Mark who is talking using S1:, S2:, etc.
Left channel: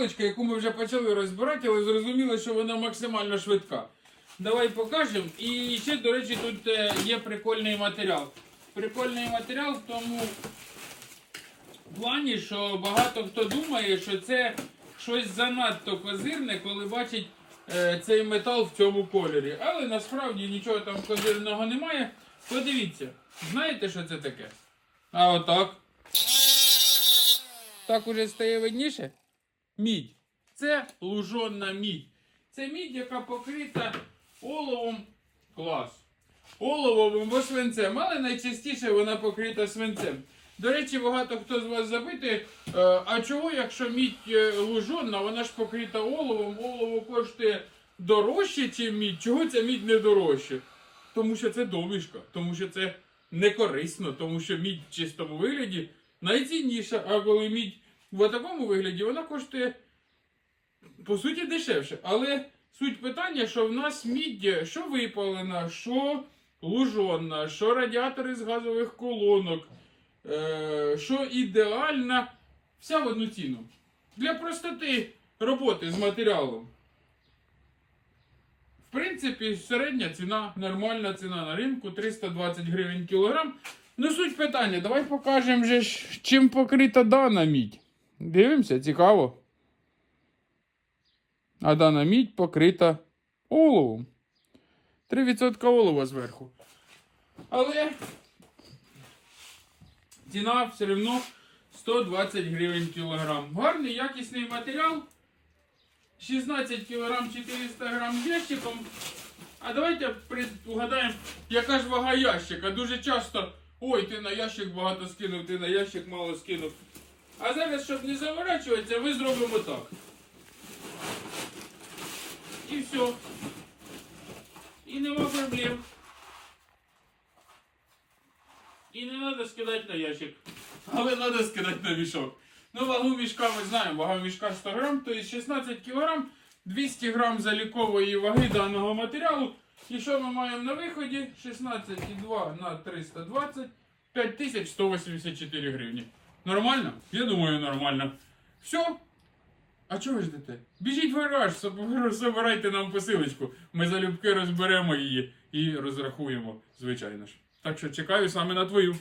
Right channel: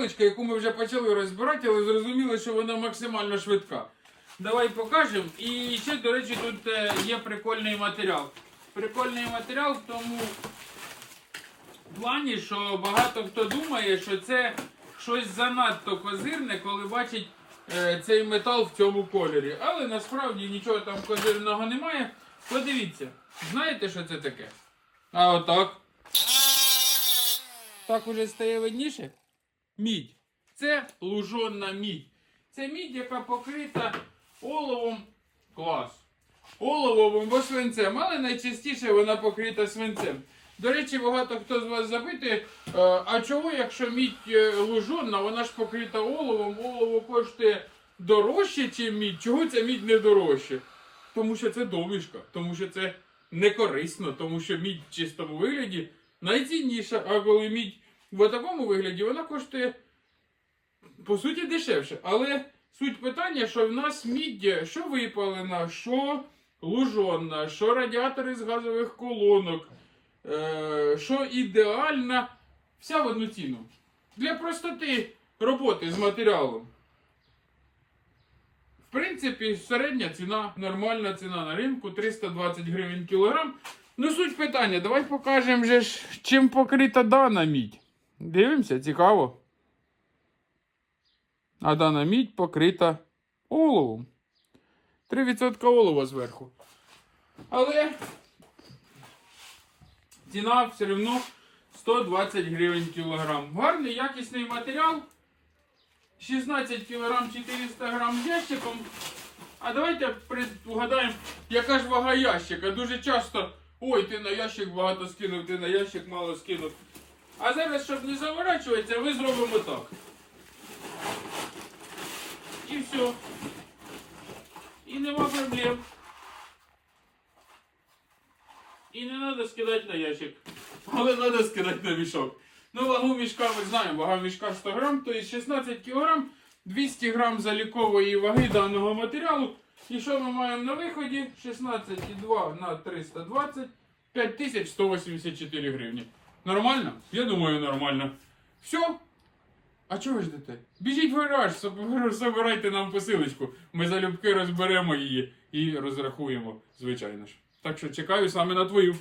S1: посилочка, яку ми вже почали розбирати, але зрозуміло, що вона максимально швидка. Давай покажемо. І ще, до речі, тут е, є прикольний матеріал. Прикольний матеріал в тому плані, що багато хто думає, що це щось занадто козирне, коли бачить е, цей метал в цьому кольорі. Але насправді нічого там козирного немає. Подивіться, знаєте, що це таке? А отак. Так уже стає видніше? Мідь. Це лужонна мідь. Це мідь, яка покрита оловом клас. Оловом або свинцем, але найчастіше вона покрита свинцем. До речі, багато хто з вас запитує, е, а чого, якщо мідь е, лужонна, вона ж покрита оловом, олово коштує дорожче, ніж мідь. Чого ця мідь не дорожче? Тому що це домішка, тому що це не корисно, тому що мідь в чистому вигляді найцінніша, а коли мідь в такому вигляді, вона коштує по суті дешевше. Але суть питання, що в нас мідь, що випалена, що лужонна, що радіатори з газових колонок, е, що ідеальна, вся в одну ціну. Для простоти роботи з матеріалом. В принципі, середня ціна, нормальна ціна на ринку 320 гривень кілограм. Ну, суть питання, давай покажемо же чим покрита дана мідь. Дивимося, цікаво. А дана мідь покрита оловом. 3% олова зверху. Але ціна все одно 120 гривень кілограм. Гарний якісний матеріал. 16 кілограм 400 грам ящиком. А давайте погадаємо, яка ж вага ящика. Дуже часто, ой, ти на ящик багато скинув, ти на ящик мало скинув. А зараз, щоб не заворачуватися, ми зробимо так. І все. І нема проблем. І не треба скидати на ящик. Але треба скидати на мішок. Ну, вагу мішка ми знаємо, вага мішка 100 грам, то є 16 кілограм, 200 грам залікової ваги даного матеріалу. І що ми маємо на виході? 16,2 на 320, 5184 гривні. Нормально? Я думаю, нормально. Все. А чого ви ждете? Біжіть в гараж, забирайте нам посилочку. Ми залюбки розберемо її і розрахуємо, звичайно ж. Так що чекаю саме на твою.